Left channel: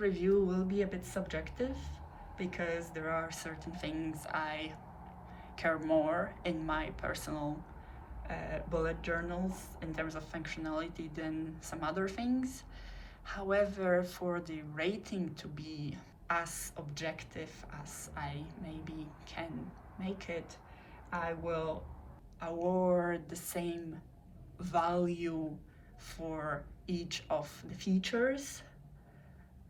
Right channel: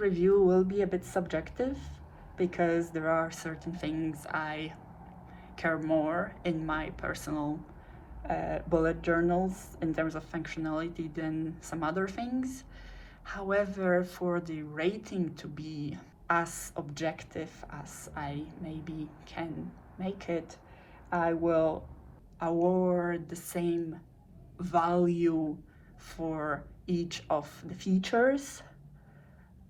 review will be a bit subjective because there are certain things I care more in my personal bullet journals in terms of functionality than some other things. However, for the rating to be as objective as I maybe can make it, I will award the same value for each of the features.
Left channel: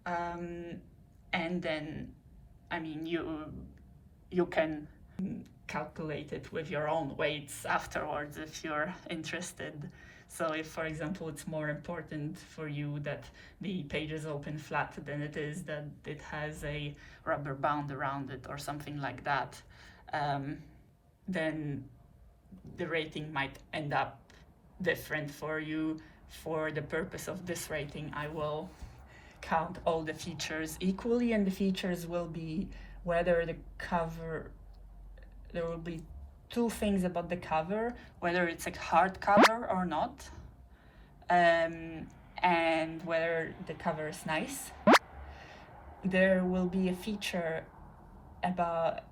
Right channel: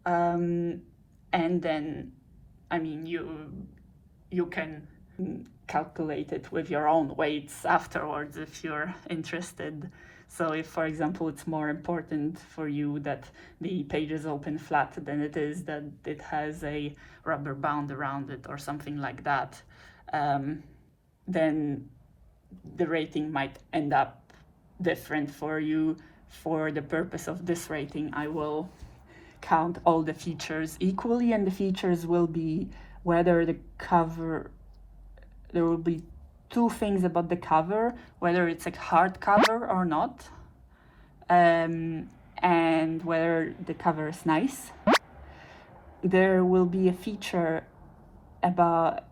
And then, I mean, you can calculate it with your own weights afterwards if you're interested. So if, for example, it's more important for you that the pages open flat than it is that it has a rubber band around it or something like that, then the rating might end up different for you. For the purpose of this rating, I will count all the features equally, and the features will be whether the cover, there will be two things about the cover, whether it's a hardcover or not, and whether the cover is nice. There will be a feature about,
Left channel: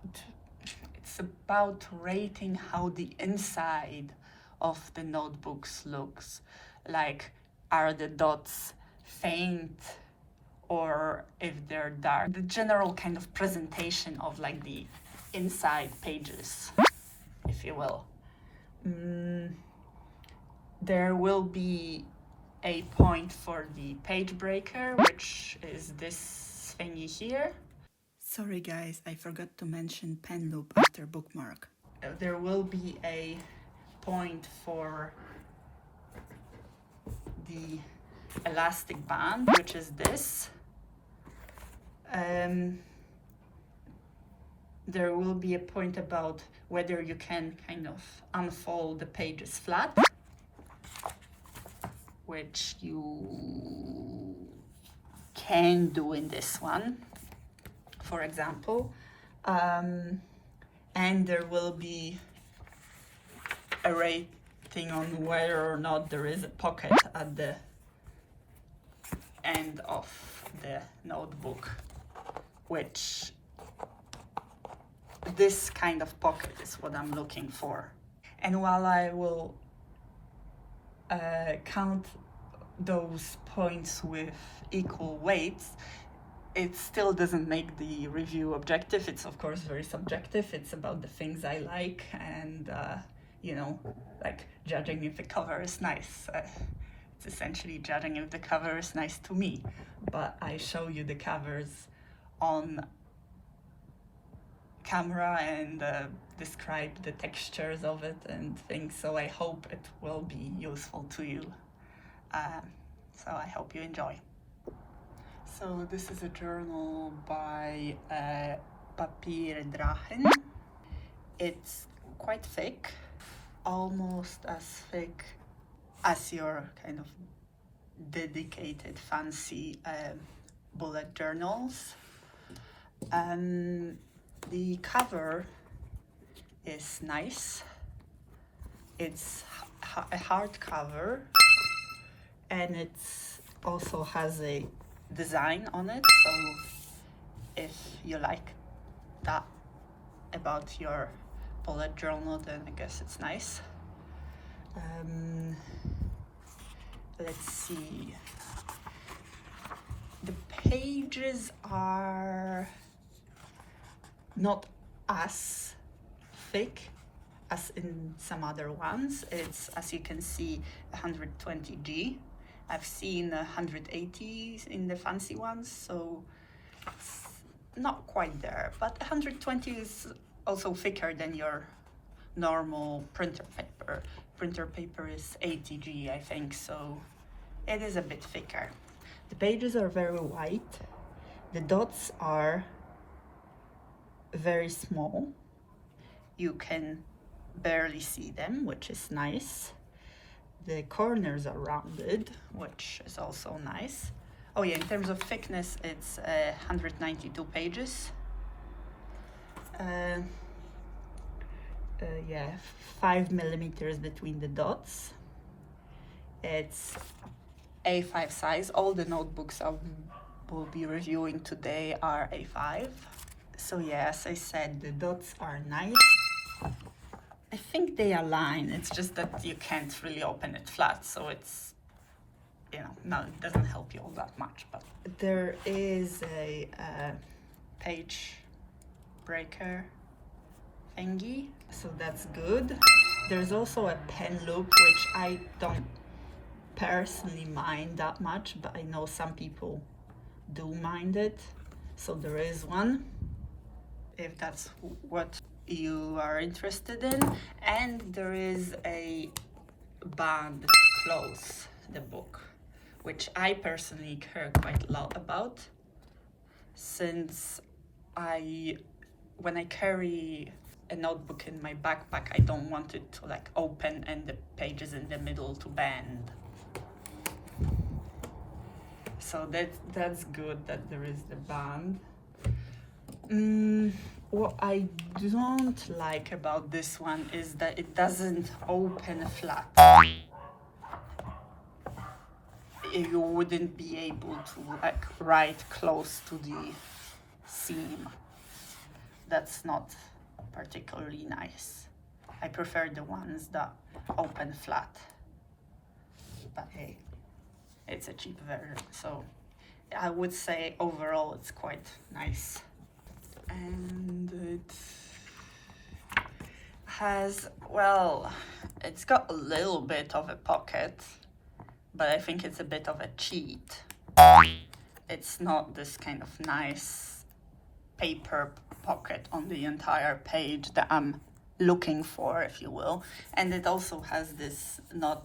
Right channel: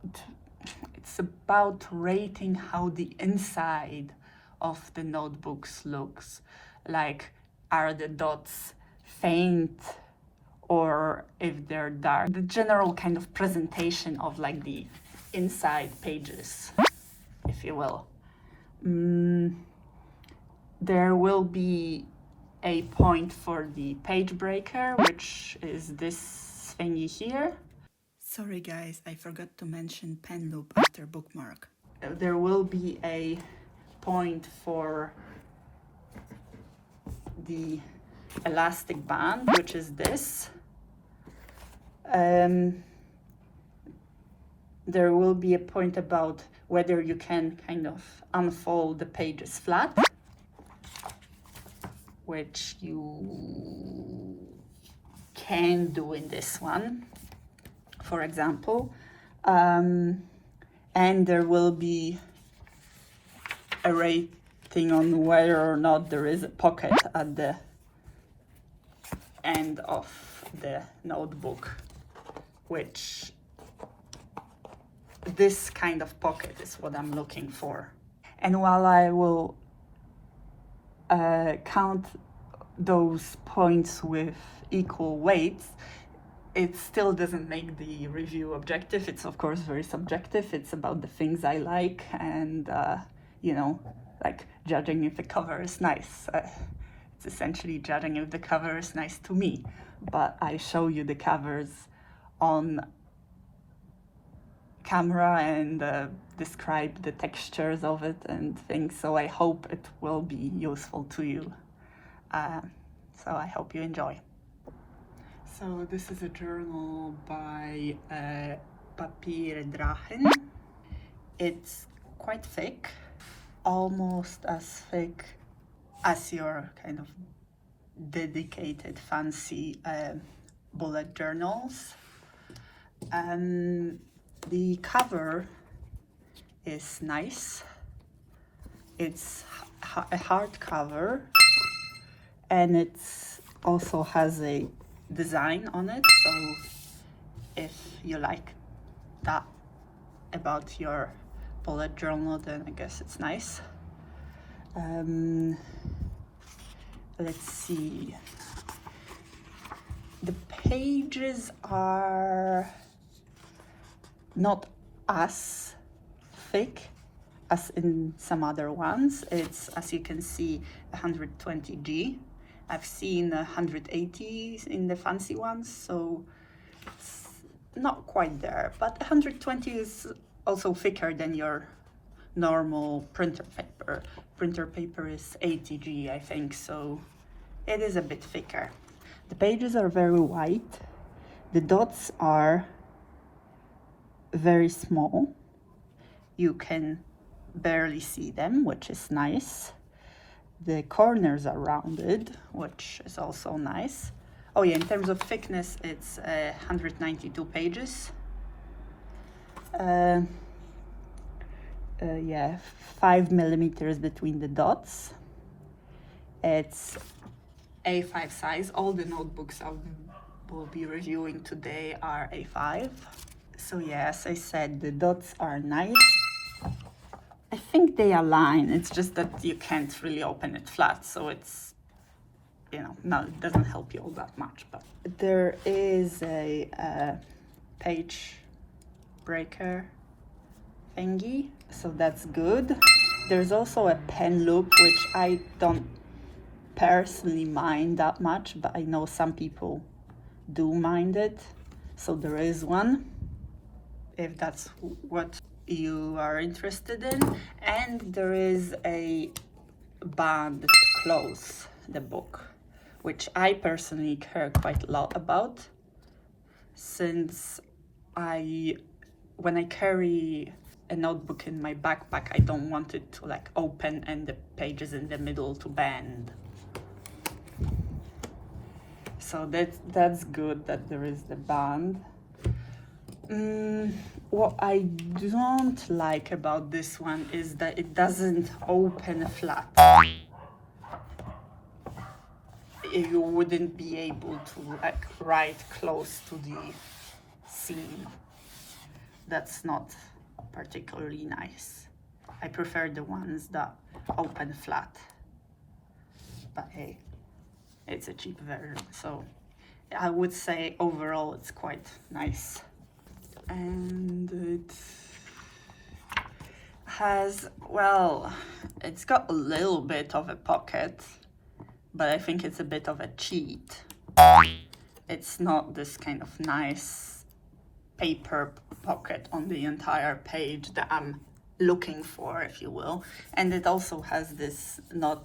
it's about rating how the inside of the notebooks looks. Like, are the dots faint or if they're dark? The general kind of presentation of like the inside pages, if you will. There will be a point for the page breaker, which is this thingy here. Sorry guys, I forgot to mention pen loop after bookmark. There will be a point for the elastic band, which is this. There will be a point about whether you can kind of unfold the pages flat, which you can do in this one, for example. And there will be a rating on whether or not there is a pocket at the end of the notebook, which this kind of pocket is what I'm looking for. And while I will count those points with equal weights, it still doesn't make the review objective. It's of course very subjective. It's about the things I like and you know, like judging if the cover is nice. It's essentially judging if the cover is nice to me, but I show you the covers on camera and describe the textures of it and things, so I hope it will be useful to you. So I hope you enjoy. So this is a journal by PapierDrachen. It's quite thick, almost as thick as your kind of dedicated fancy bullet journals. The cover is nice. It's a hardcover, and it also has a design on it, so if you like that about your bullet journal, then I guess it's nice. Let's see. The pages are not as thick as in some other ones. It's, as you can see, 120G. I've seen 180 in the fancy ones, so it's not quite there. But 120 is also thicker than your normal printer paper. Printer paper is 80G, I think, so it is a bit thicker. The pages are very white. The dots are very small. You can barely see them, which is nice. The corners are rounded, which is also nice. Oh yeah, in terms of thickness, it's 192 pages. Yeah, 5 millimeters between the dots. It's A5 size. All the notebooks are will be reviewing today are A5. So yeah, as I said, the dots are nice. I think they align, it's just that you can't really open it flat, so it's, you know, no, it doesn't help you all that much. But there is a page breaker thingy, so that's good. There's also a pen loop, which I don't personally mind that much, but I know some people do mind it, so there is one, if that's what you are interested in. And there is a band to close the book, which I personally care quite a lot about, since when I carry a notebook in my backpack, I don't want it to like open and the pages in the middle to bend. So that's good that there is the band. What I don't like about this one is that it doesn't open flat. You wouldn't be able to like write close to the seam. That's not particularly nice. I prefer the ones that open flat. But hey, it's a cheap version, so I would say overall it's quite nice. And it has, well, it's got a little bit of a pocket, but I think it's a bit of a cheat. It's not this kind of nice paper pocket on the entire page that I'm looking for, if you will. And it also has this not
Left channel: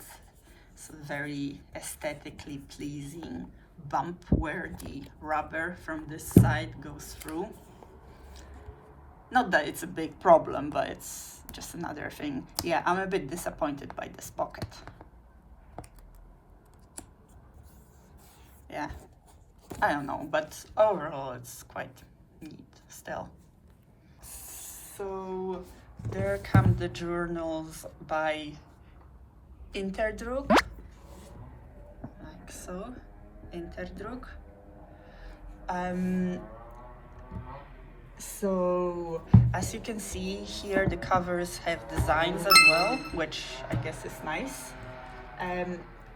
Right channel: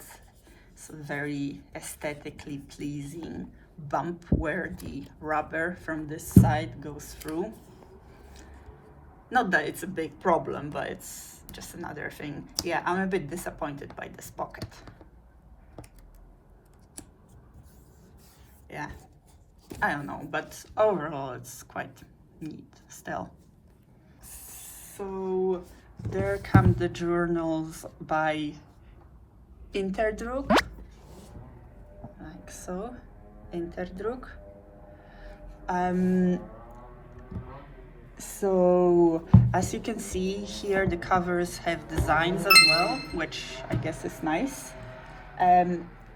so very aesthetically pleasing bump where the rubber from this side goes through. Not that it's a big problem, but it's just another thing. Yeah, I'm a bit disappointed by this pocket. Yeah, I don't know, but overall it's quite neat still. So there come the journals by InterDruk, like so, InterDruk. So as you can see here, the covers have designs as well, which I guess is nice.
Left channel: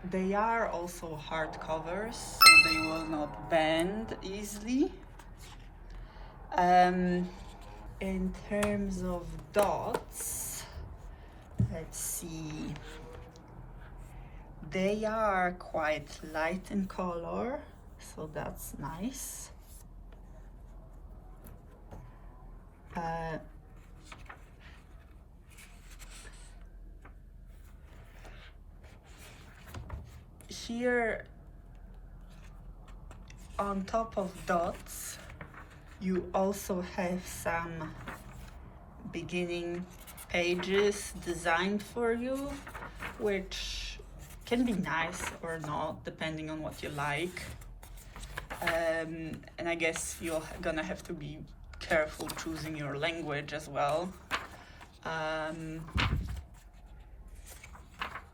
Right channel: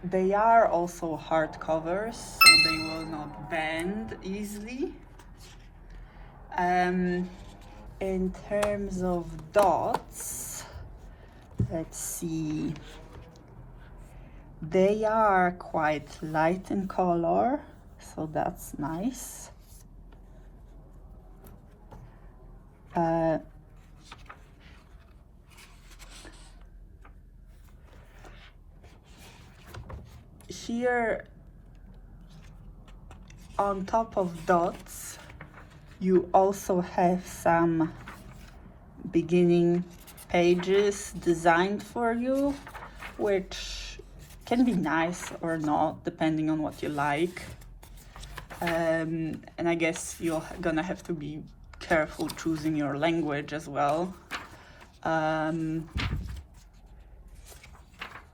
They are also hard covers, so they will not bend easily. In terms of dots, let's see. They are quite light in color, so that's nice. Here on top of dots, you also have some beginning pages designed for you, which can be nice or not, depending on what you like. And I guess you're gonna have to be careful choosing your language as well.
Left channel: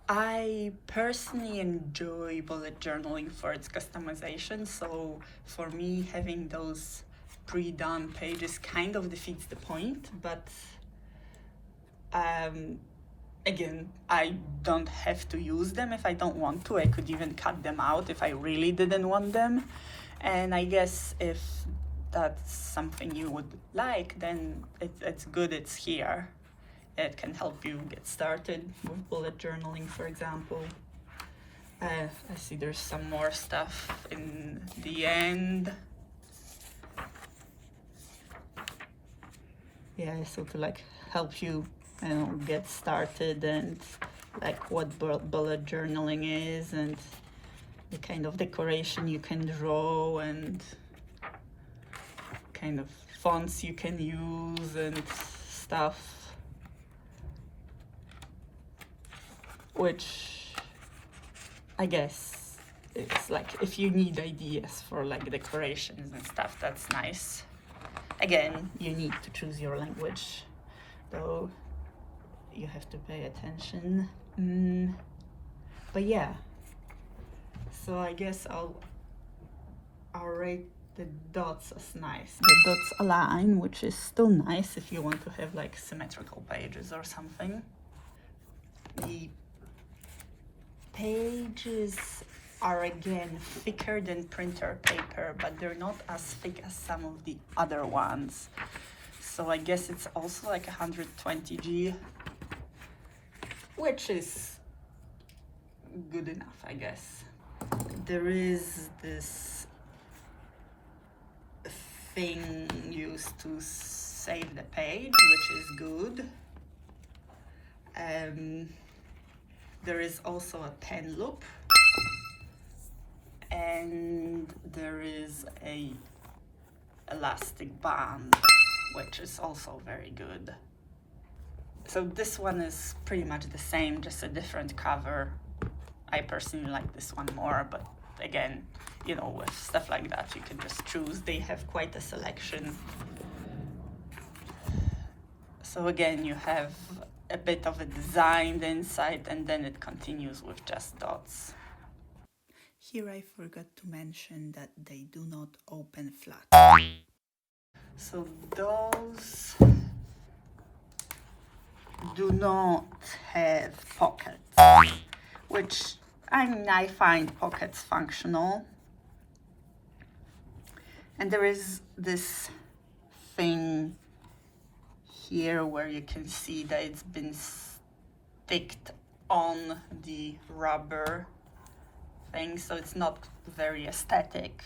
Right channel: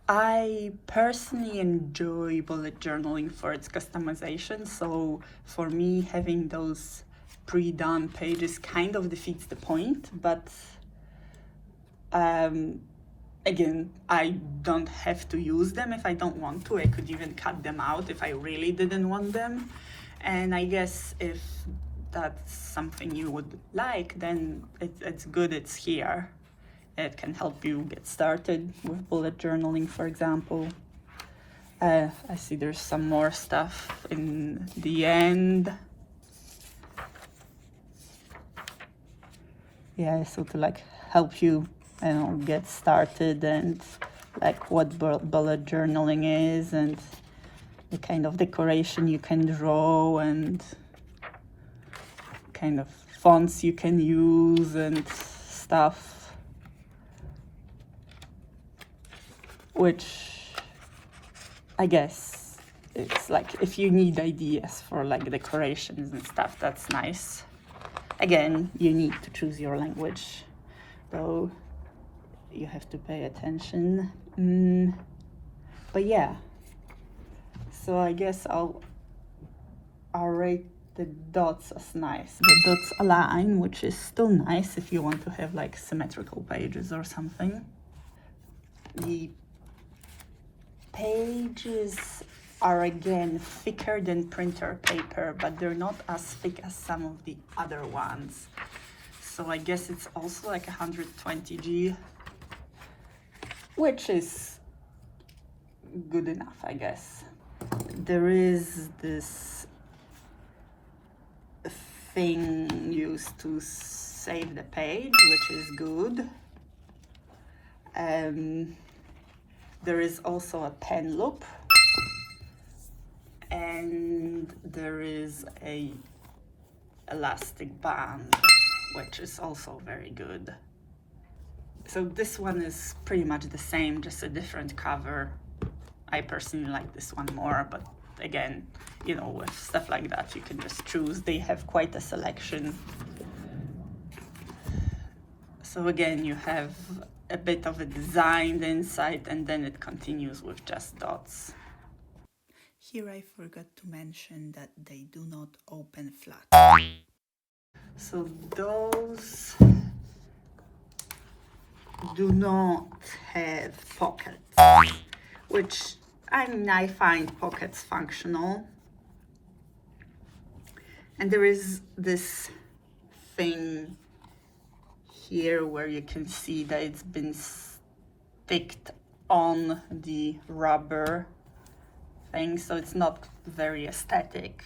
I personally enjoy bullet journaling for its customization, so for me having those pre-done pages kind of defeats the point, but again, I don't have to use them if I don't want to. I could even cut them out if I really didn't want them. And I guess if that's something you would like, then it's good it's here. It can help you get started with bullet journaling, for example. I see there's some more stuff in the end. Yeah, so to like help you, get started, and like what bullet journaling is, and the kind of decoration you can draw, and kind of fonts you can use and stuff. Which I guess it's like if you need ideas for like decorations and stuff, that's nice. Again, you need to choose your language, though you have to pay attention. But yeah, so I guess I'll I'll rate the dots as nice. The dots align, which is still nice if you want to have like symmetrical pages or something. The pages are again thicker than printer paper, but they're not as thick as some of the other ones. So I guess it's also like 120G, which is good enough, I guess. There is this thing used to save the page, which is good. There is also a pen loop, and there is a elastic band, which is also very good. So this one is pretty much the same, just a different cover. I personally like this one more, but again, you know, with stuff like that, you can just choose. They have quite a selection. So again, you have a bit of a design inside, and then it continues with just dots. Here I forgot to mention that they do not open flat. So those do not have pockets, which I find pockets functional. And there is this thing here where you can see that it's been sticked on the rubber thing, so it's not very aesthetic,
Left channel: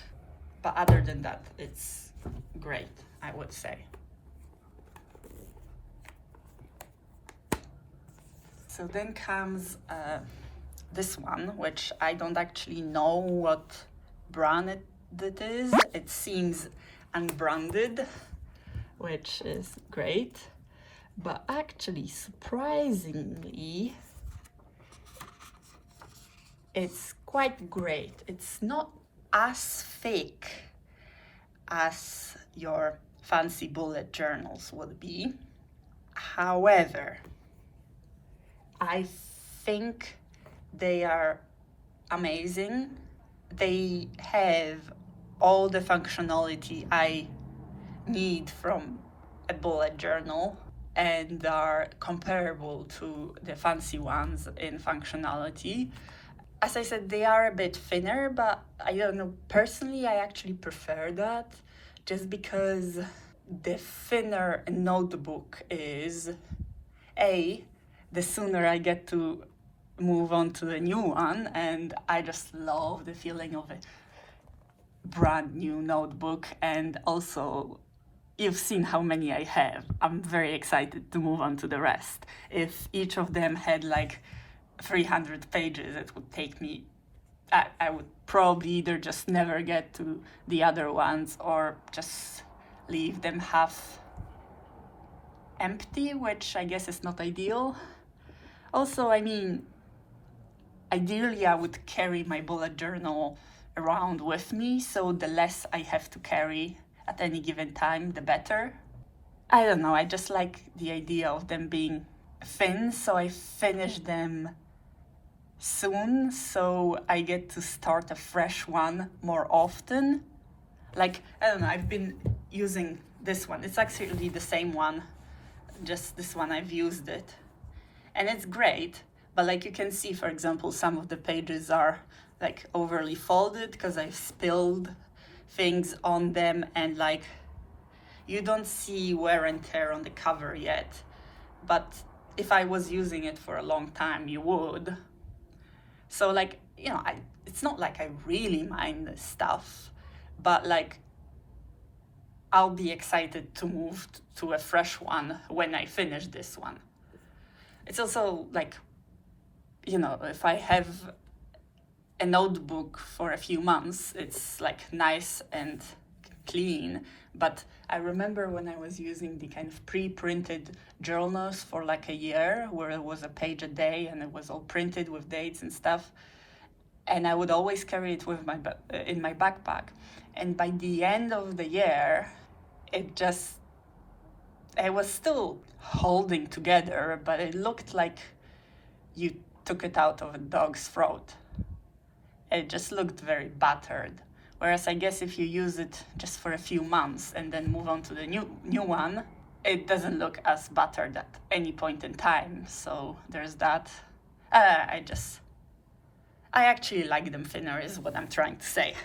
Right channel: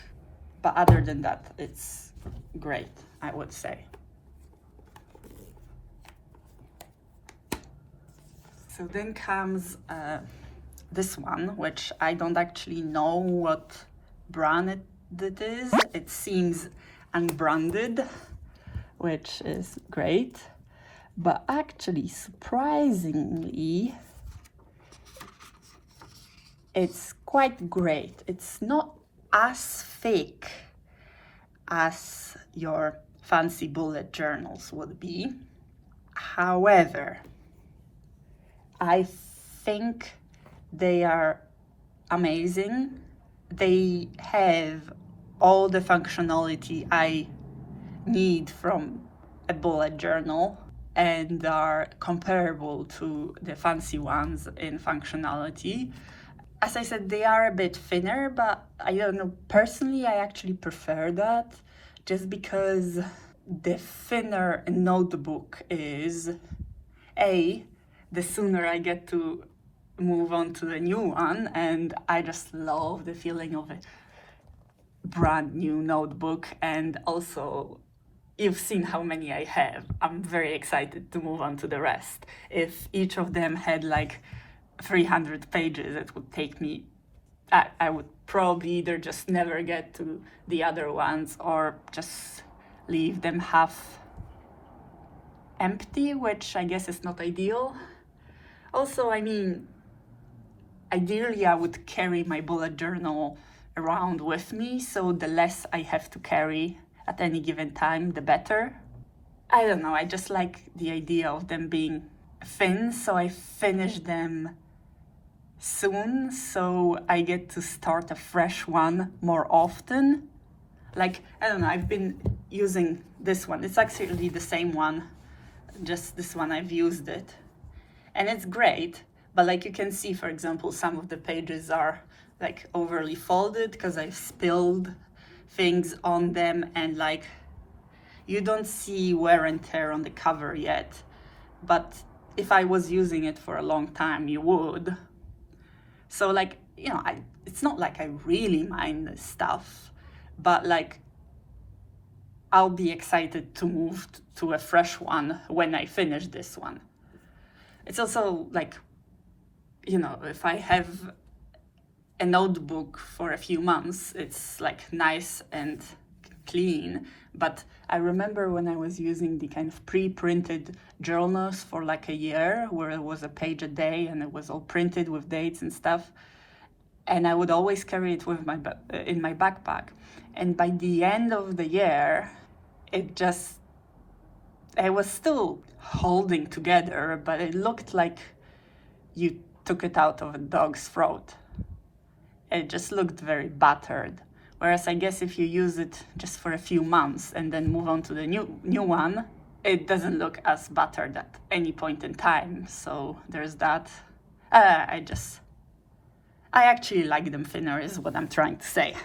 but other than that, it's great, I would say. So then comes this one, which I don't actually know what brand it is. It seems unbranded, which is great, but actually, surprisingly, it's quite great. It's not as thick as your fancy bullet journals would be. However, I think they are amazing. They have all the functionality I need from a bullet journal and are comparable to the fancy ones in functionality. As I said, they are a bit thinner, but I don't know, personally I actually prefer that, just because the thinner a notebook is, the sooner I get to move on to the new one, and I just love the feeling of a brand new notebook. And also, you've seen how many I have. I'm very excited to move on to the rest. If each of them had like 300 pages, it would take me, I would probably either just never get to the other ones or just leave them half empty, which I guess is not ideal. Also, I mean, ideally I would carry my bullet journal around with me, so the less I have to carry at any given time, the better. I don't know, I just like the idea of them being thin, so I finish them soon, so I get to start a fresh one more often. Like, I don't know, I've been using this one. It's actually the same one, just this one I've used it. And it's great, but like you can see, for example, some of the pages are like overly folded because I've spilled things on them, and like you don't see wear and tear on the cover yet, but if I was using it for a long time, you would. So like, you know, it's not like I really mind this stuff, but like I'll be excited to move to a fresh one when I finish this one. It's also like, you know, if I have a notebook for a few months, it's like nice and clean. But I remember when I was using the kind of pre-printed journals for like a year, where it was a page a day and it was all printed with dates and stuff, and I would always carry it with in my backpack. And by the end of the year, I was still holding together, but it looked like you took it out of a dog's throat. It just looked very battered, Whereas I guess if you use it just for a few months and then move on to the new one, it doesn't look as battered at any point in time. So there's that. I actually like them thinner is what I'm trying to say.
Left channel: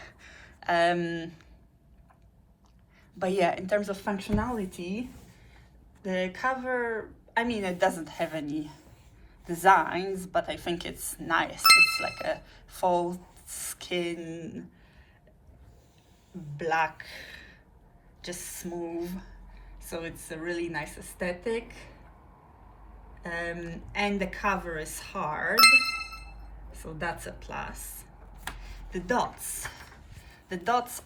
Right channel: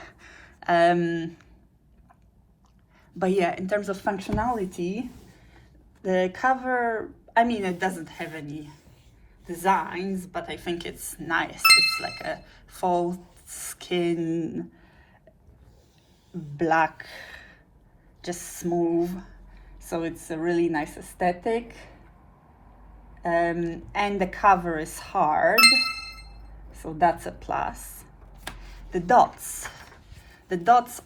But yeah, in terms of functionality, the cover, I mean, it doesn't have any designs, but I think it's nice. It's like a faux skin, black, just smooth. So it's a really nice aesthetic. And the cover is hard, so that's a plus. The dots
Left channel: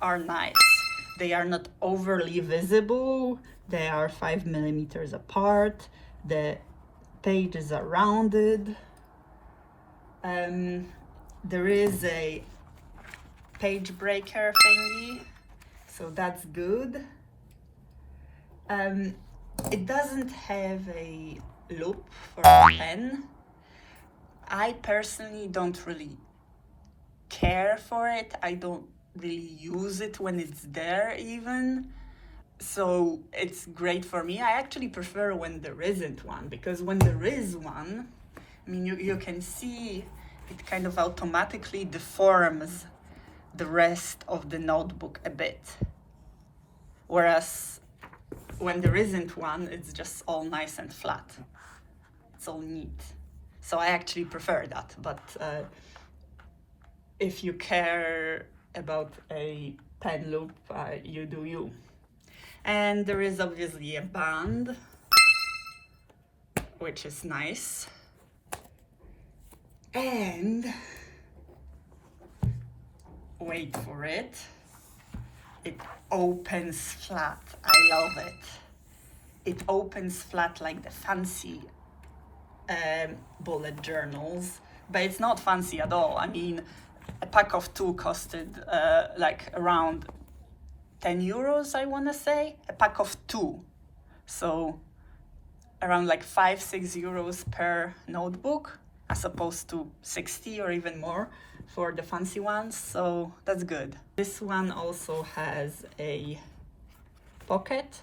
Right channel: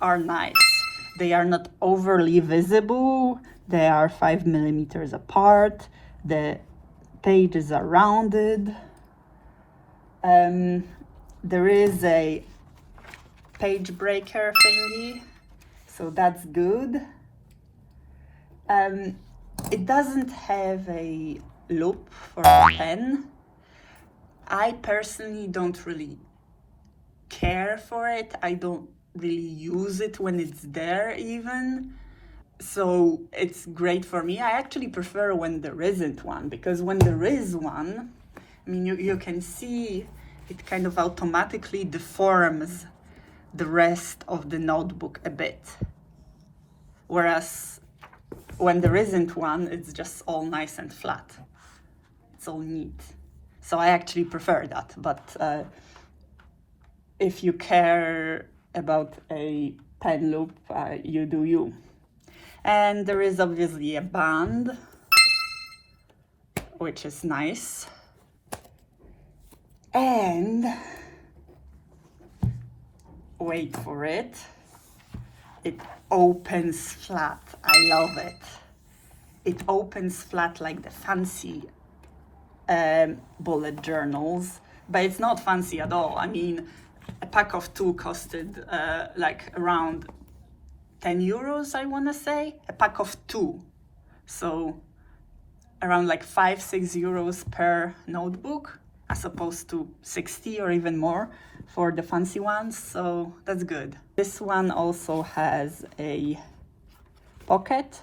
are nice. They are not overly visible. They are 5 millimeters apart. The pages are rounded. There is a page breaker thingy, so that's good. It doesn't have a loop for a pen. I personally don't really care for it. I don't really use it when it's there even. So it's great for me. I actually prefer when there isn't one, because when there is one, I mean, you can see it kind of automatically deforms the rest of the notebook a bit. Whereas when there isn't one, it's just all nice and flat. It's all neat. So I actually prefer that, but if you care about a pen loop, you do you. And there is obviously a band, which is nice. And wait for it, it opens flat. I love it. It opens flat like the fancy bullet journals, but it's not fancy at all. I mean, a pack of 2 costed like around 10 euros, I want to say. A pack of 2. So around like 5-6 euros per notebook, as opposed to 60 or even more for the fancy ones. So that's good. This one also has a pocket.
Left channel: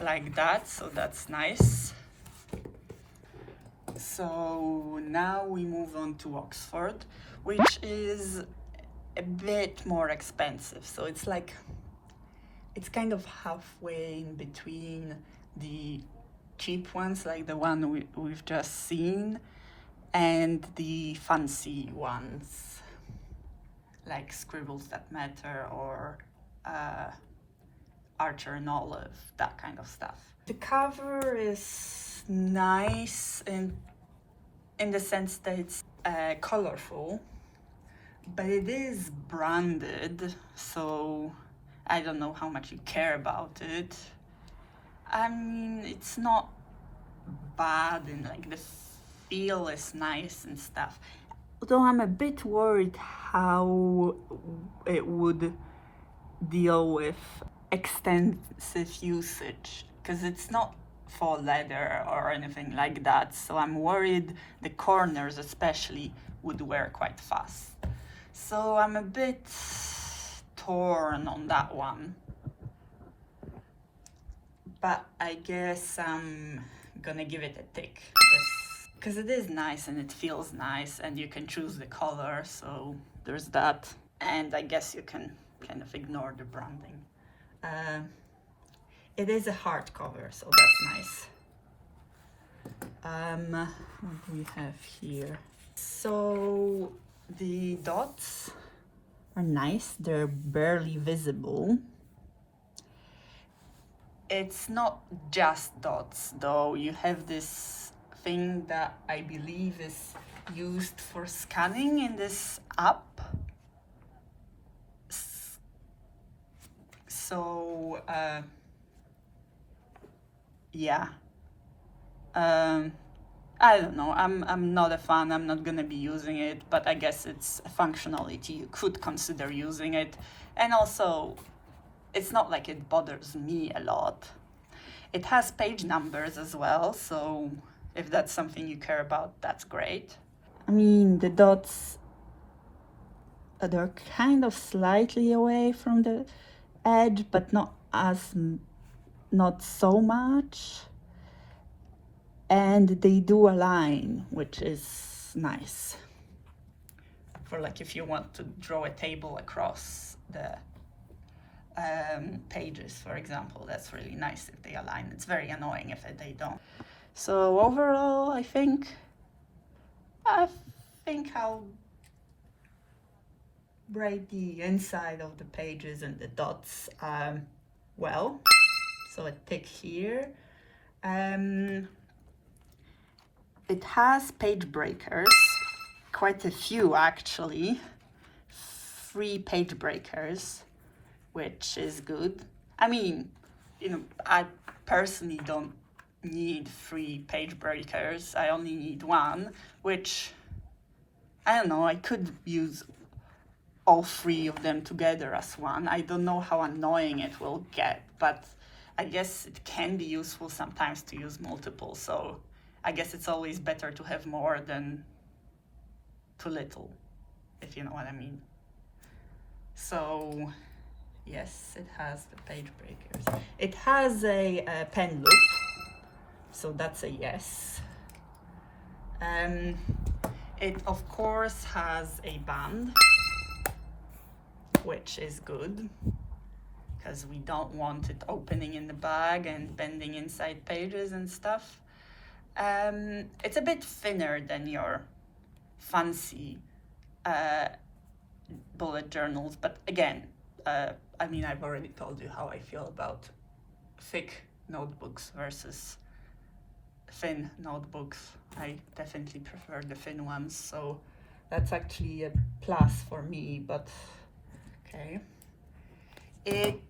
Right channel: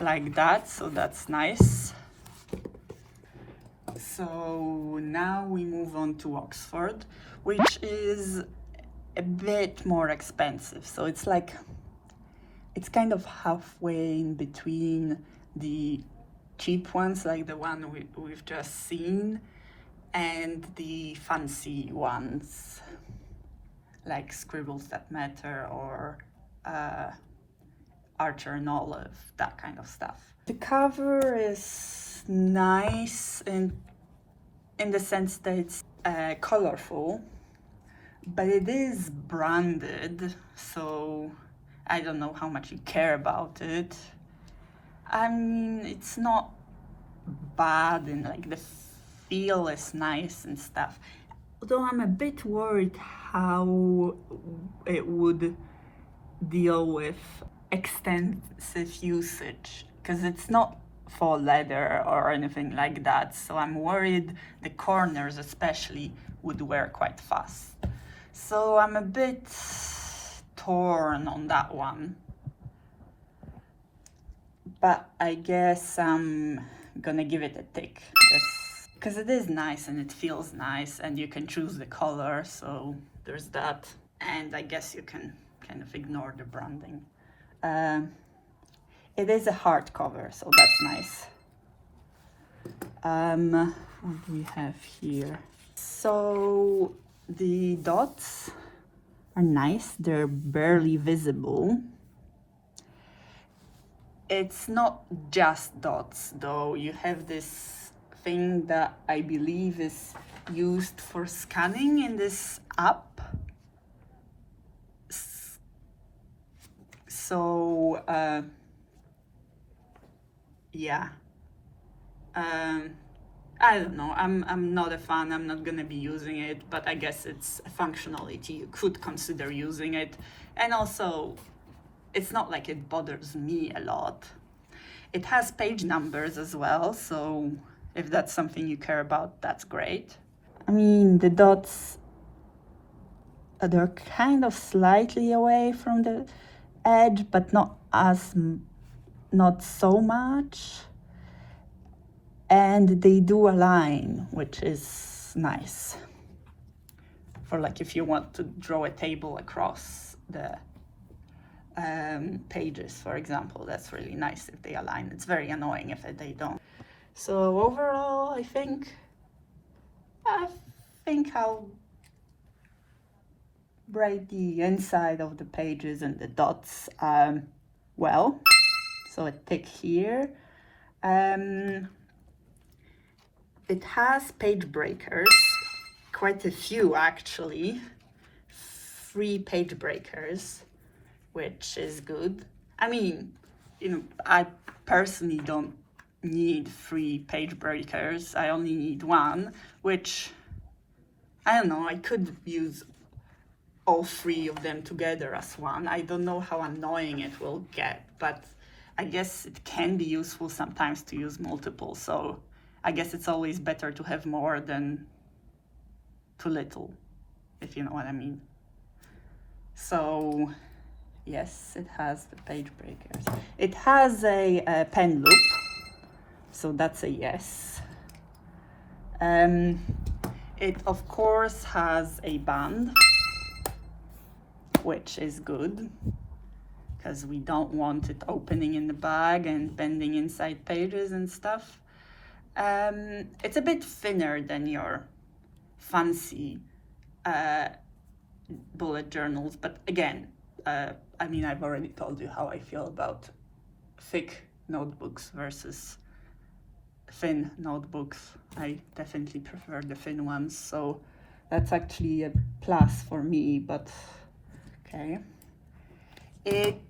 Like that, so that's nice. So now we move on to Oxford, which is a bit more expensive. So it's kind of halfway in between the cheap ones, like the one we've just seen, and the fancy ones, like Scribbles That Matter or Archer and Olive, that kind of stuff. The cover is nice in the sense that it's colorful, but it is branded, so I don't know how much you care about it. I mean, it's not bad, and like the feel is nice and stuff. Although I'm a bit worried how it would deal with extensive usage, because it's not faux leather or anything like that, so I'm worried the corners especially would wear quite fast. So I'm a bit torn on that one, but I guess I'm gonna give it a tick, because it is nice and it feels nice, and you can choose the color, so there's that. And I guess you can kind of ignore the branding. It is a hardcover, so that's nice. What do we have here? So the dots are nice. They're barely visible. It's not just dots, though. You have this thing that I believe is used for scanning in this app. So yeah, I don't know. I'm not a fan. I'm not gonna be using it, but I guess it's a functionality you could consider using it. And also, it's not like it bothers me a lot. It has page numbers as well, so if that's something you care about, that's great. I mean, the dots, they're kind of slightly away from the edge, but not so much. And they do align, which is nice. For like if you want to draw a table across the pages, for example, that's really nice if they align. It's very annoying if they don't. So overall, I think I'll write the inside of the pages and the dots well. So a tick here. It has page breakers, quite a few actually. 3 page breakers, which is good. I mean, I personally don't need 3 page breakers. I only need 1, which, I don't know, I could use all 3 of them together as one. I don't know how annoying it will get, but I guess it can be useful sometimes to use multiple. So I guess it's always better to have more than too little, if you know what I mean. So yes, it has the page breakers. It has a pen loop, so that's a yes. It of course has a band, which is good, because we don't want it opening in the bag and bending inside pages and stuff. It's a bit thinner than your fancy bullet journals, but again, I mean, I've already told you how I feel about thick notebooks versus thin notebooks. I definitely prefer the thin ones, so that's actually a plus for me, but okay. It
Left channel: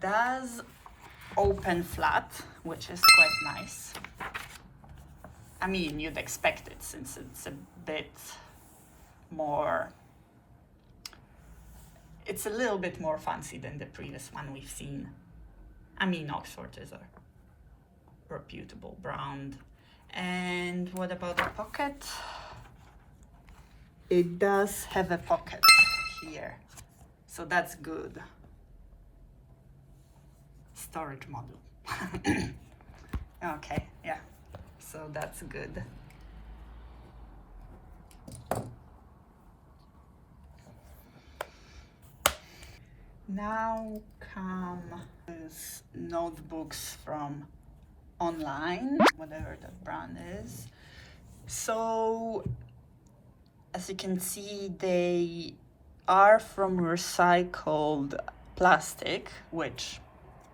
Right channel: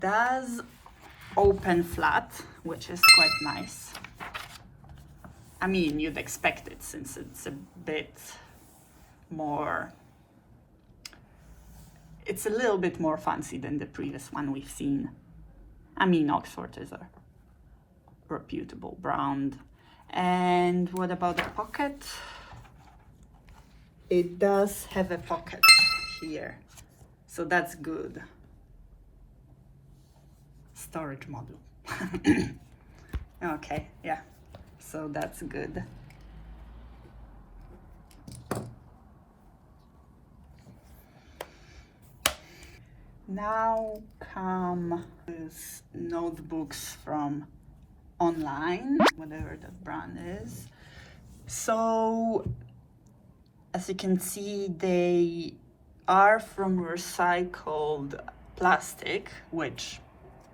does open flat, which is quite nice. I mean, you'd expect it since it's a bit more, it's a little bit more fancy than the previous one we've seen. I mean, Oxford is a reputable brand. And what about the pocket? It does have a pocket here, so that's good. Storage module. Okay, yeah, so that's good. Now come with notebooks from online, whatever that brand is. So as you can see, they are from recycled plastic, which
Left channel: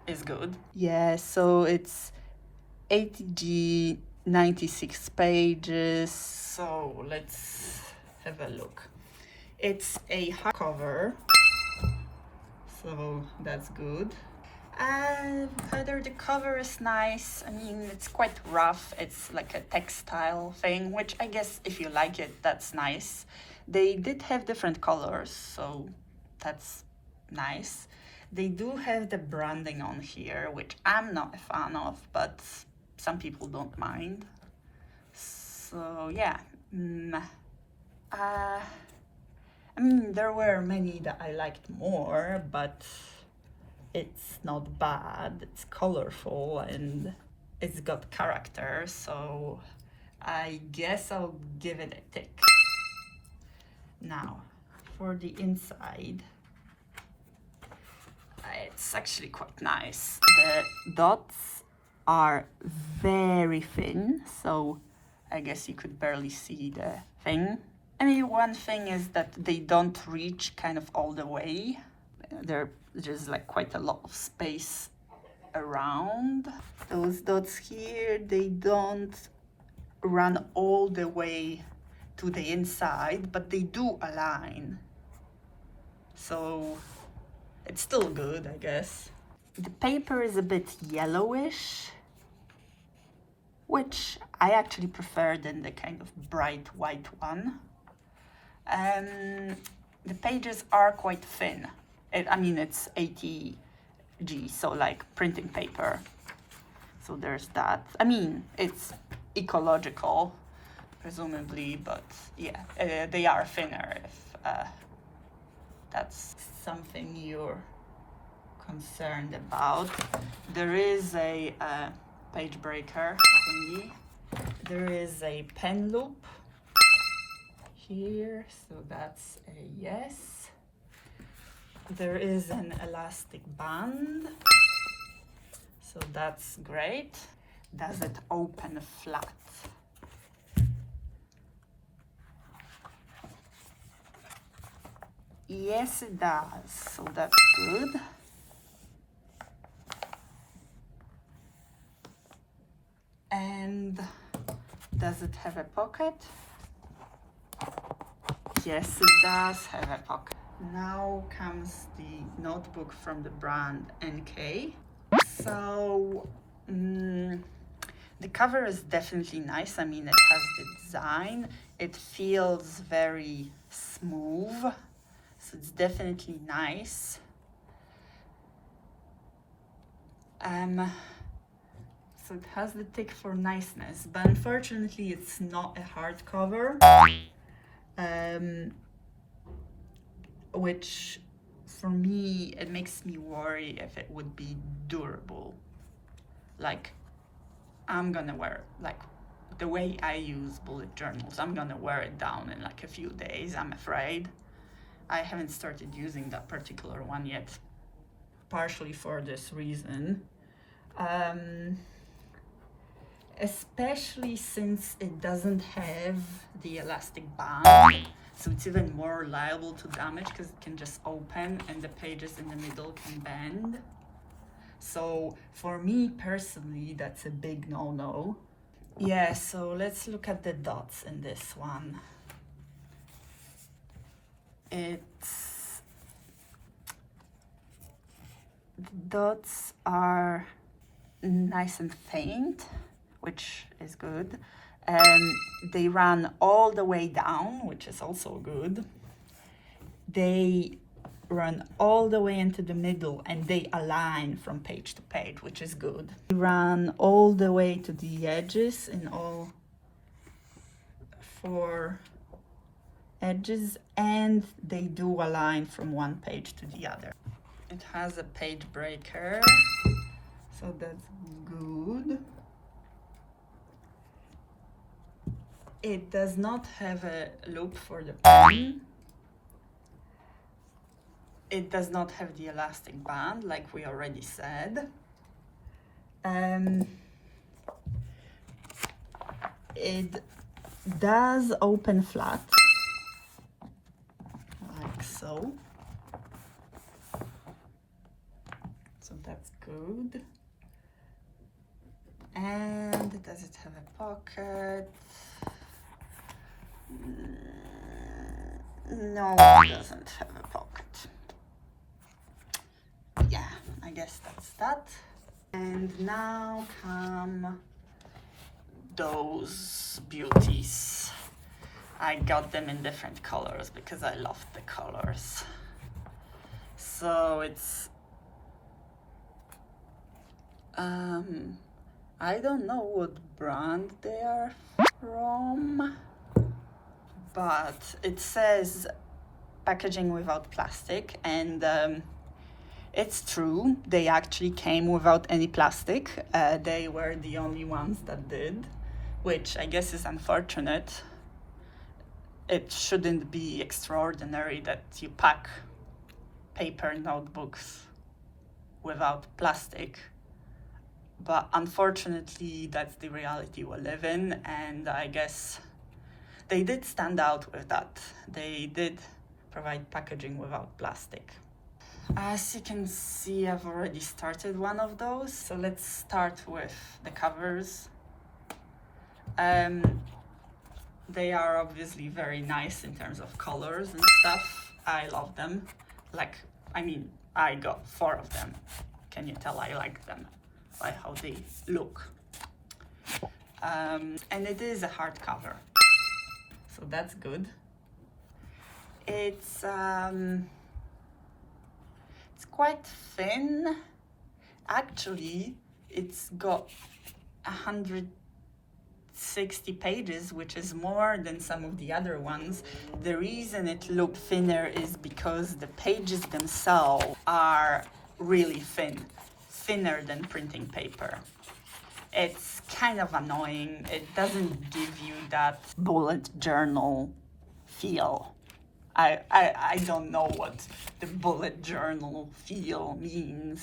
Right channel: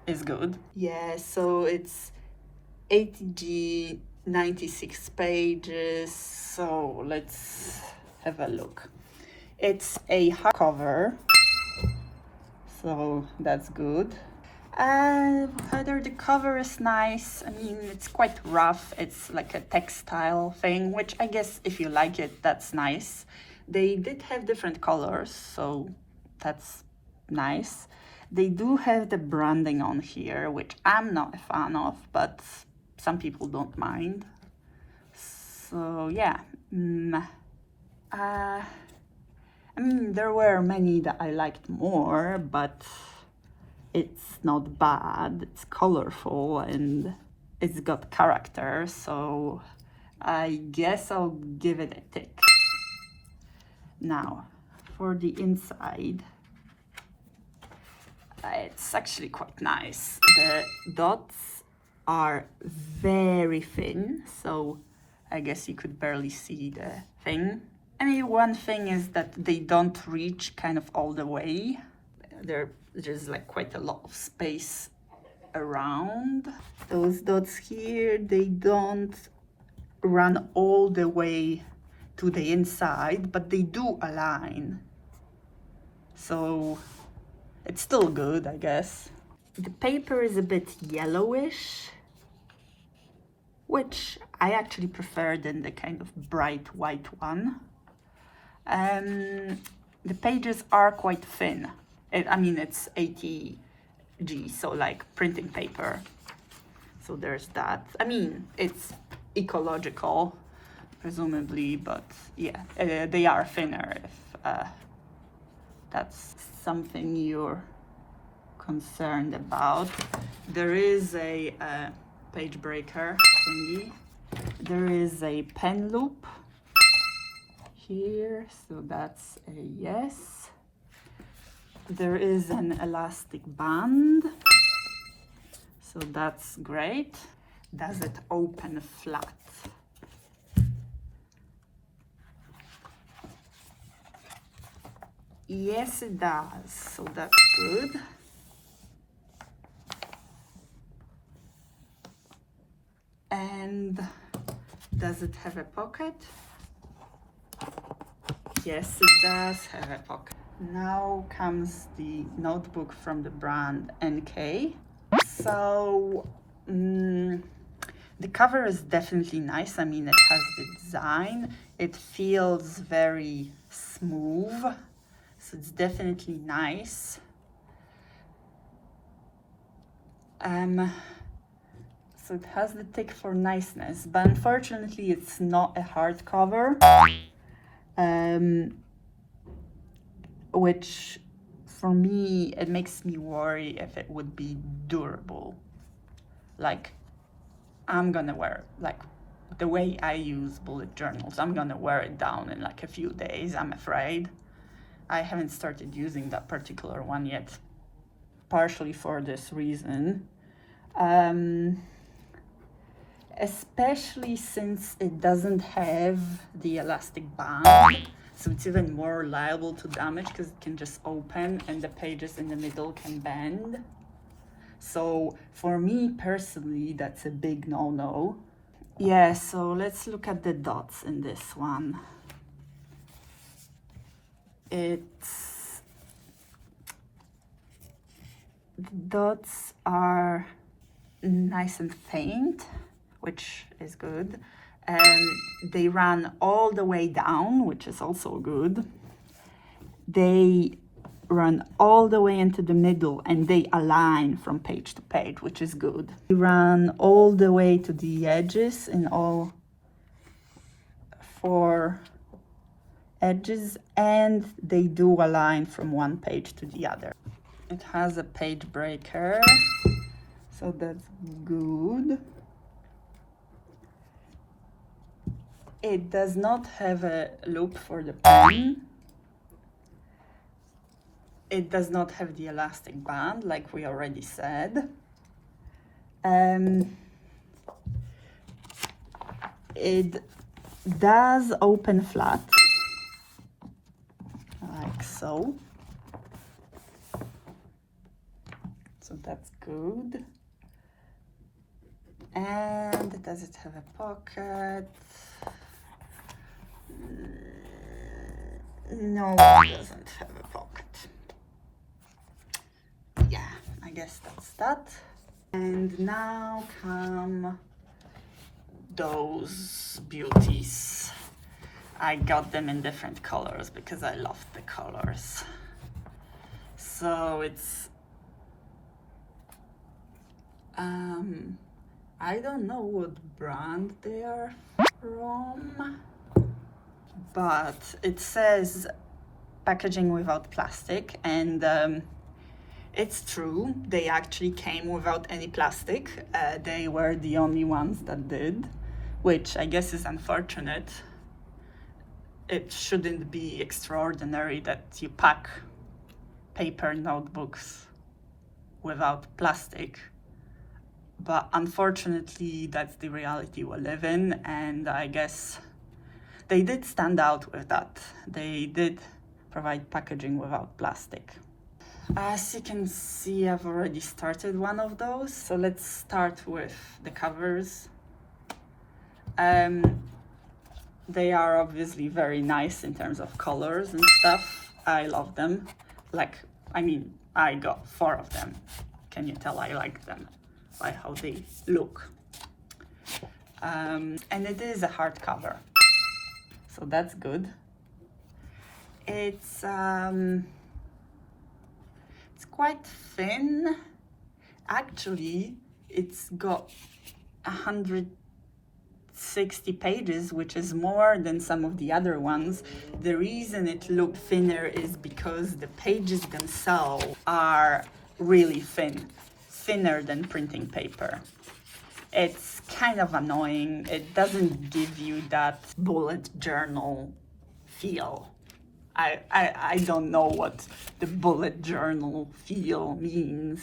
is good. Yeah, so it's 80G, 96 pages. So let's have a look. It's a hardcover, so that's good. Whether the cover is nice, I mean, it's quite rough. It's like a textile thing, which I guess if you like it, that's nice. They did have different colors, so that's nice. They do have the branding on here, which I'm not a fan of, but some people don't mind. So yeah, I mean, there were many that I liked more, but it's not bad. It's colorful and it's got character, so I guess I'll give it a tick. Now, for the inside, it's actually quite nice. The dots are very thin, so I guess you could barely see the thing. I mean, one thing is that they don't reach kind of all the way. There's like quite a lot of space around. Those dots here, they don't run all the way to the inside, but they do align. So it's still good, I guess. The paper is a bit yellowish, which I actually prefer than the kind of bright white one. The pages are quite thin. I mean, it's 80G, so like printing paper. So there's that. I mean, it's ecological, presumably, but yeah, they are thinner if that's something you're concerned about. There is a page breaker thingy. There is a pen loop here, so that's a yes. There is an elastic band, so that's great. Does it open flat? Yes, it does, so that's good. And does it have a pocket? Yes, it does have a pocket. Now comes the notebook from the brand NK. So the cover is definitely nice. I mean, it has the design. It feels very smooth. So it's definitely nice. So it has the tick for niceness, but unfortunately it's not a hardcover, which for me, it makes me worry if it would be durable. Like, I'm gonna wear, like, the way I use bullet journals, I'm gonna wear it down in like a few days, I'm afraid. I haven't started using that particular one yet, partially for this reason. Especially since it doesn't have the elastic band, so it's even more liable to damage because it can just open and the pages in the middle can bend. So for me personally, that's a big no-no. Yeah, so let's look at the dots in this one. The dots are nice and faint, which is good. They run all the way down, which is also good. They run all the way into the middle and they align from page to page, which is good. They run all the way to the edges in all 4 edges, and they do align from one page to the other. It has a page breaker, so that's good. It does not have a loop for the pen. It does not have the elastic band, like we already said. It does open flat, like so. So that's good. And does it have a pocket? No, it doesn't have a pocket. Yeah, I guess that's that. And now come those beauties. I got them in different colors because I loved the colors. So it's I don't know what brand they are from, but it says packaging without plastic, and it's true, they actually came without any plastic. They were the only ones that did, which I guess is unfortunate. It shouldn't be extraordinary that you pack paper notebooks without plastic, but unfortunately that's the reality we live in, and I guess they did stand out with that. They did provide packaging without plastic. As you can see, I've already started one of those, so let's start with the covers. They are obviously very nice in terms of colors and stuff. I love them. Like, I mean, I got 4 of them. Can you tell I like them by how they look? And it is a hardcover, so that's good. It's quite thin. Actually, it's got 160 pages, which is more than some of the other ones. The reason it looked thinner is because the pages themselves are really thinner than printing paper. It's kind of annoying. It doesn't give you that bullet journal feel. I don't know what the bullet journal feel means,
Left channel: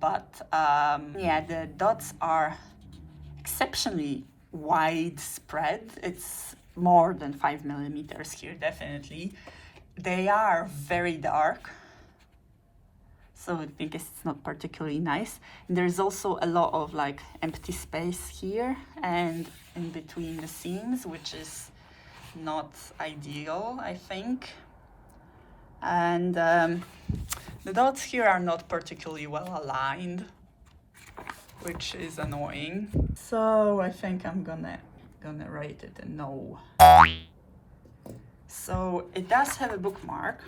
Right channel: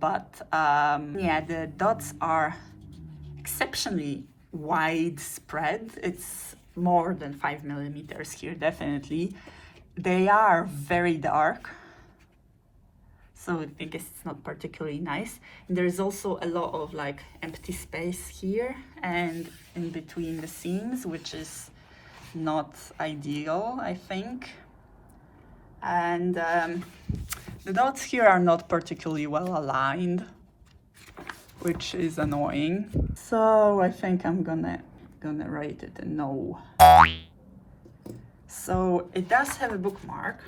but yeah, the dots are exceptionally widespread. It's more than 5 millimeters here, definitely. They are very dark, so I guess it's not particularly nice. And there's also a lot of like empty space here and in between the seams, which is not ideal, I think. And the dots here are not particularly well aligned, which is annoying. So I think I'm gonna rate it a no. So it does have a bookmark.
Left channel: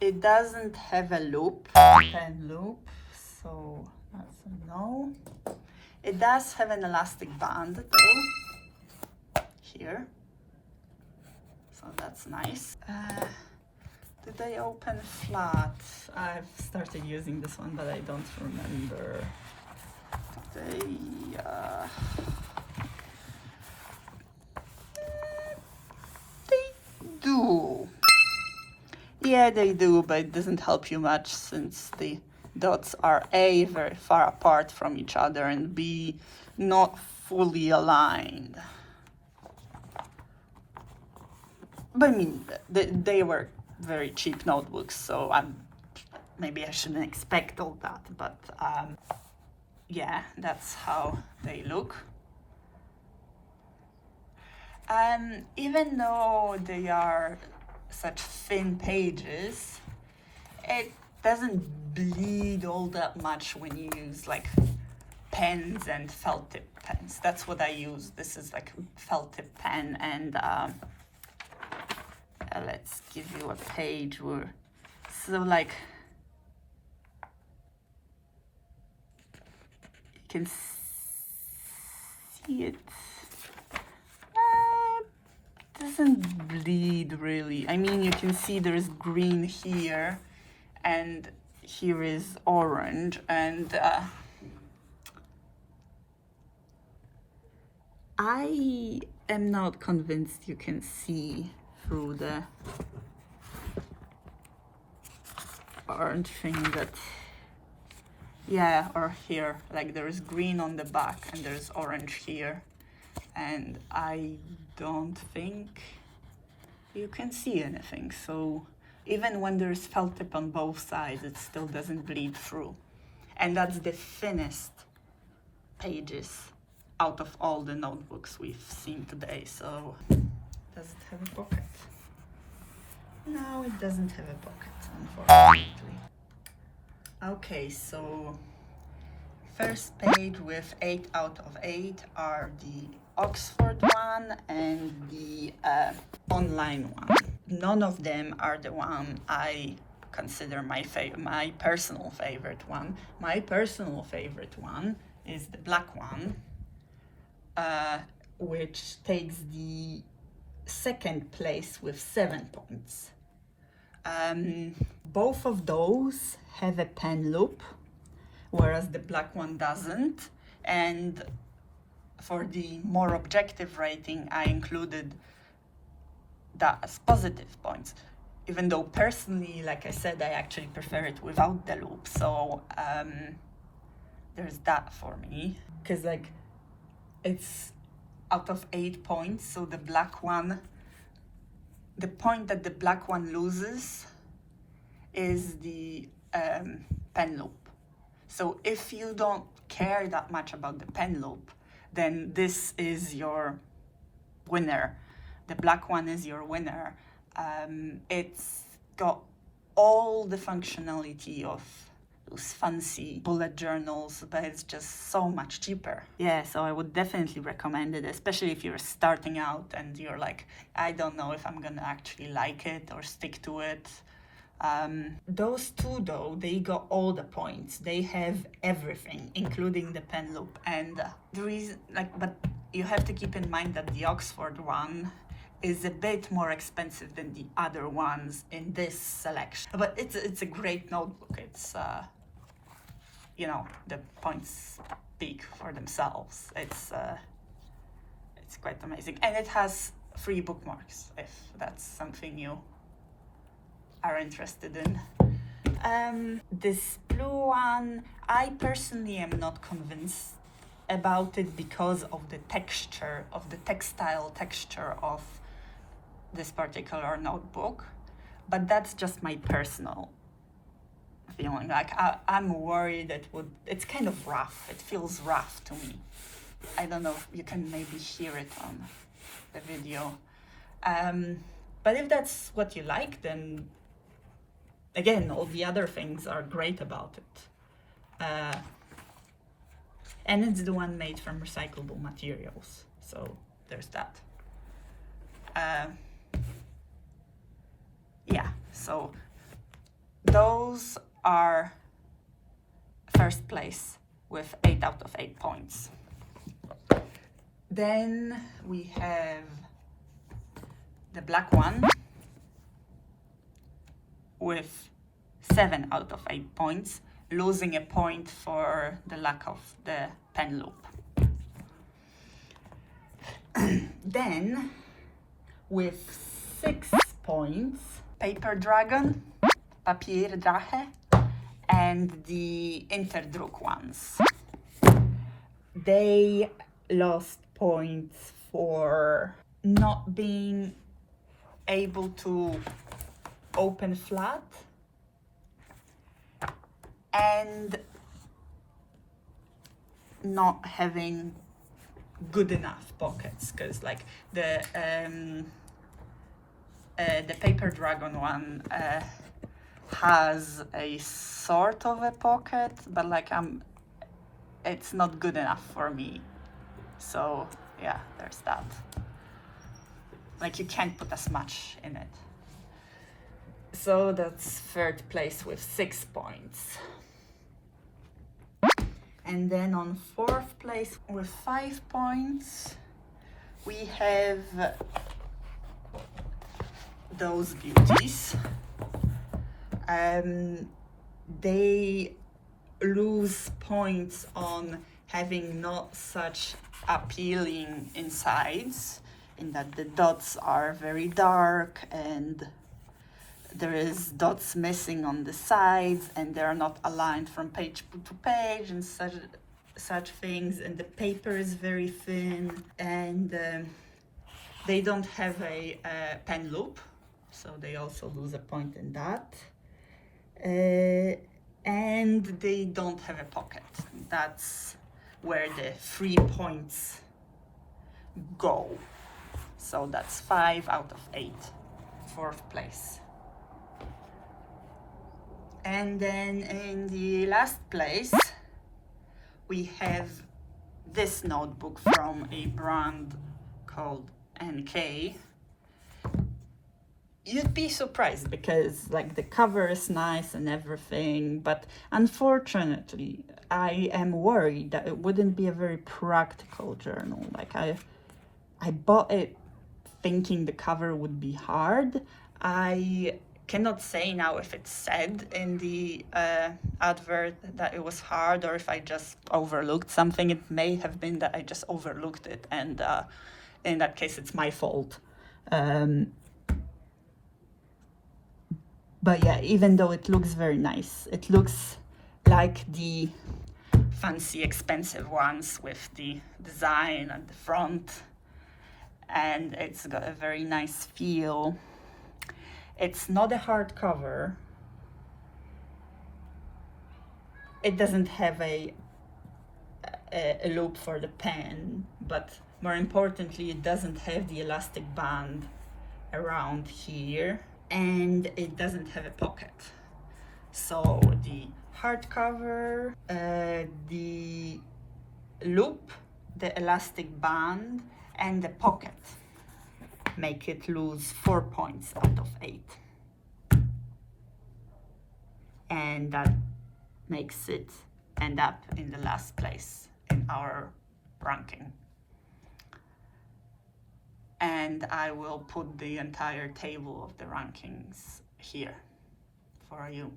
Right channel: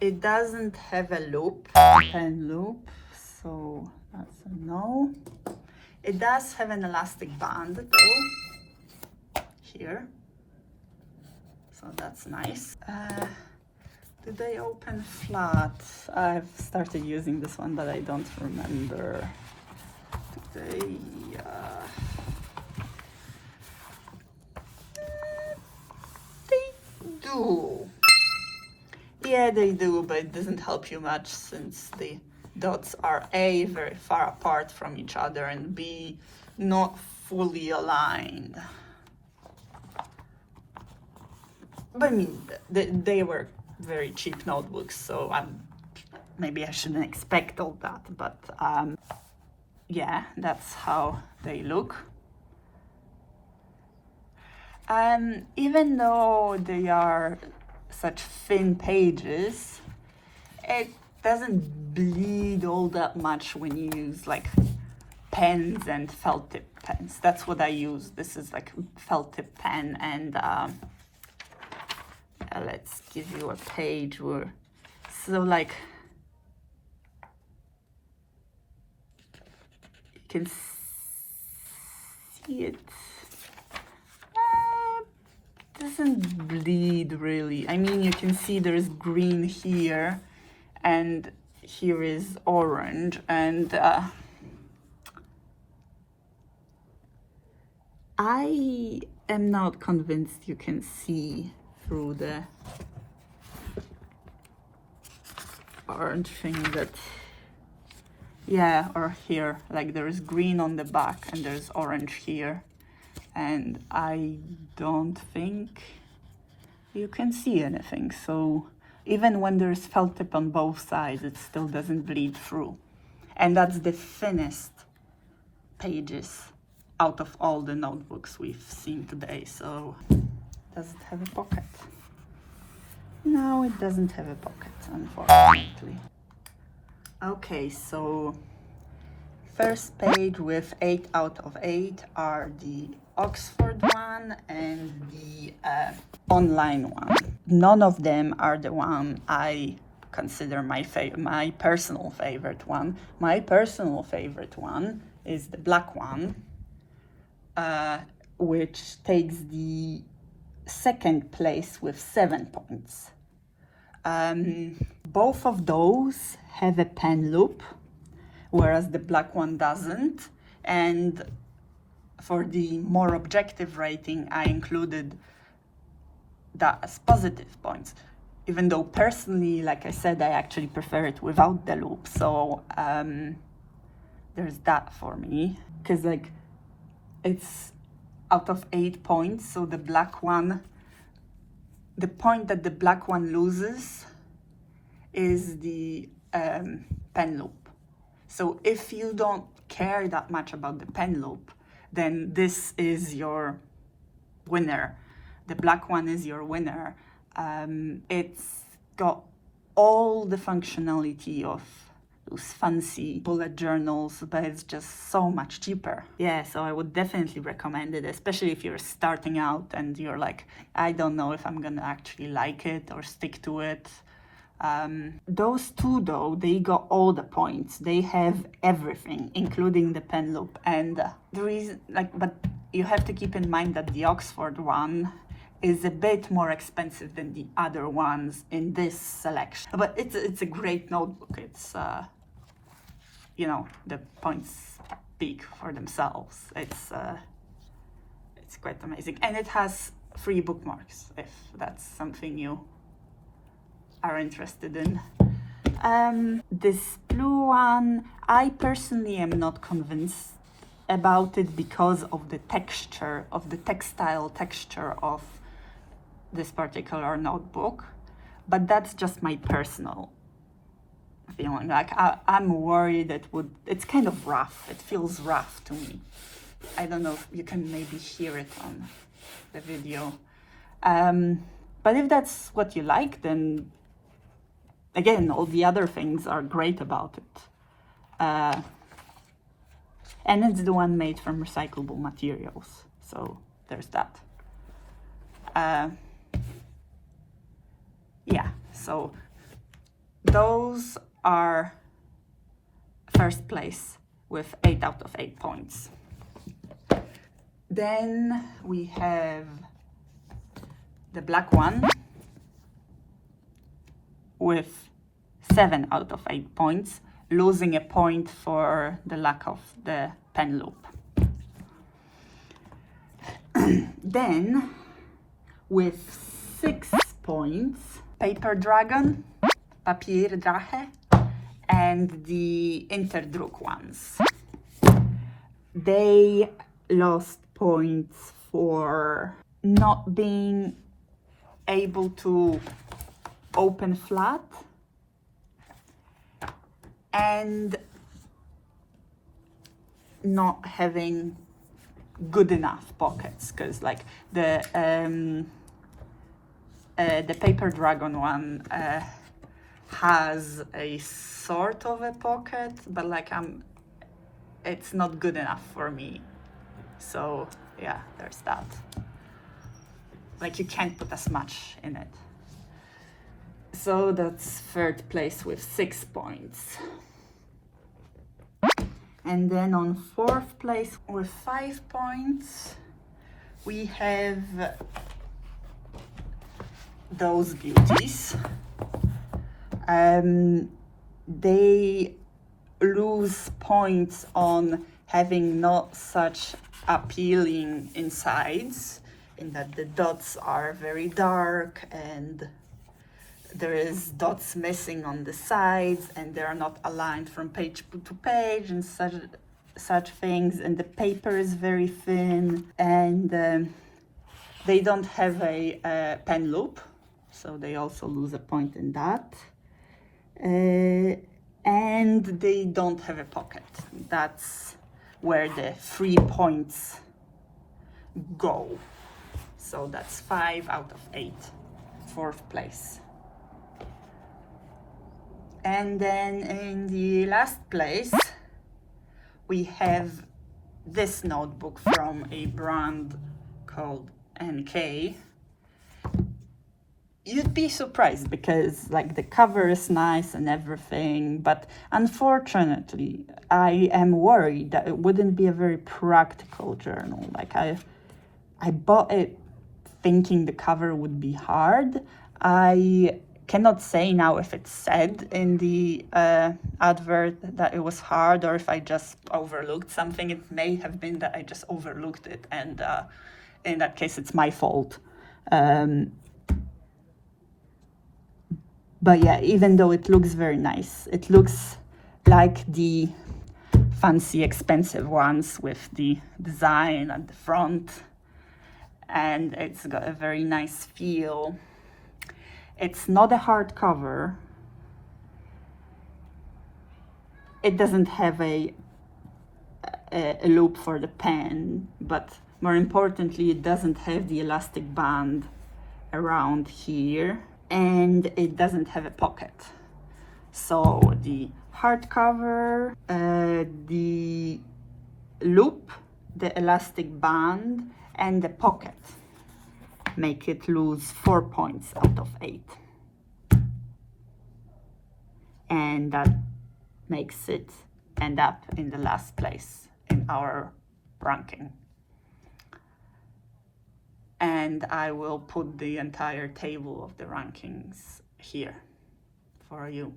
It doesn't have a loop, pen loop, so that's a no. It does have an elastic band though, here, so that's nice. Do they open flat? I've started using this one, but I don't remember. They do. Yeah, they do, but it doesn't help you much since the dots are A, very far apart from each other, and B, not fully aligned. But I mean, they were very cheap notebooks, so maybe I shouldn't expect all that, but yeah, that's how they look. Even though they are such thin pages, it doesn't bleed all that much when you use like pens and felt tip pens. That's what I use. This is like felt tip pen, and let's give you a page where, so like you can see it. Doesn't bleed really. I mean, you can see there's green here and here is orange, and I am not convinced you can see through the orange thing that, yeah, or here, like there's green on the back and there's orange here. And I don't think you can see anything. So even when there's felt tip on both sides, it still doesn't bleed through. And that's the thinnest pages out of all the notebooks we've seen today. So does it have a pocket? No, it doesn't have a pocket, unfortunately. Okay, so first page with 8 out of 8 are the Oxford one and the online one. None of them are the one I consider my personal favorite one. My personal favorite one is the black one, which takes the second place with 7 points. Both of those have a pen loop, whereas the black one doesn't. And for the more objective rating, I included that as positive points, even though personally, like I said, I actually prefer it without the loop. So there's that for me, because like it's out of 8 points, so the black one, the point that the black one loses is the pen loop. So if you don't care that much about the pen loop, then this is your winner. The black one is your winner. It's got all the functionality of those fancy bullet journals, but it's just so much cheaper. Yeah, so I would definitely recommend it, especially if you're starting out and you're like, I don't know if I'm gonna actually like it or stick to it. Those two, though, they got all the points. They have everything, including the pen loop. And the reason, but you have to keep in mind that the Oxford one is a bit more expensive than the other ones in this selection. But it's a great notebook. It's, you know, the points speak for themselves. It's quite amazing. And it has free bookmarks, if that's something you are interested in. This blue one, I personally am not convinced about it because of the texture, of the textile texture of this particular notebook, but that's just my personal feeling. Like I'm worried it's kind of rough. It feels rough to me. I don't know if you can maybe hear it on the video. But if that's what you like, then again, all the other things are great about it. And it's the one made from recyclable materials. So there's that. Yeah, so those are first place with 8 out of 8 points. Then we have the black one with 7 out of 8 points, losing a point for the lack of the pen loop. Then, with 6 points, PapierDrachen, and the InterDruk ones. They lost points for not being able to open flat and not having good enough pockets, because like the PapierDrachen one has a sort of a pocket, but like it's not good enough for me. So yeah, there's that. Like you can't put as much in it. So that's third place with 6 points. And then on fourth place with 5 points, we have those beauties. They lose points on having not such appealing insides, in that the dots are very dark and there is dots missing on the sides and they're not aligned from page to page and such things, and the paper is very thin, and they don't have a pen loop, so they also lose a point in that. And they don't have a pocket. That's where the 3 points go. So that's 5 out of 8, fourth place. And then in the last place, we have this notebook from a brand called NK. You'd be surprised because like the cover is nice and everything, but unfortunately I am worried that it wouldn't be a very practical journal. Like I bought it thinking the cover would be hard. I cannot say now if it said in the advert that it was hard or if I just overlooked something. It may have been that I just overlooked it, and in that case it's my fault. But yeah, even though it looks very nice, it looks like the fancy expensive ones with the design at the front, and it's got a very nice feel. It's not a hardcover. It doesn't have a loop for the pen, but more importantly, it doesn't have the elastic band around here, and it doesn't have a pocket. So the hardcover, the loop, the elastic band, and the pocket make it lose 4 points out of 8. and that makes it end up in the last place in our ranking. And I will put the entire table of the rankings here for you.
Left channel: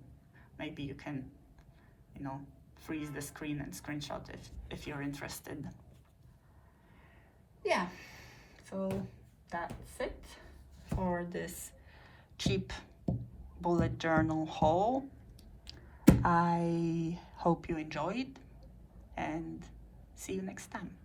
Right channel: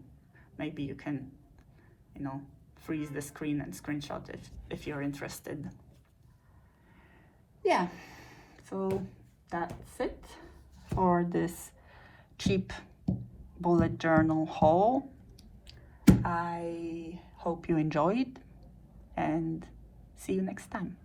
Maybe you can, freeze the screen and screenshot if you're interested. Yeah, so that's it for this cheap bullet journal haul. I hope you enjoyed, and see you next time.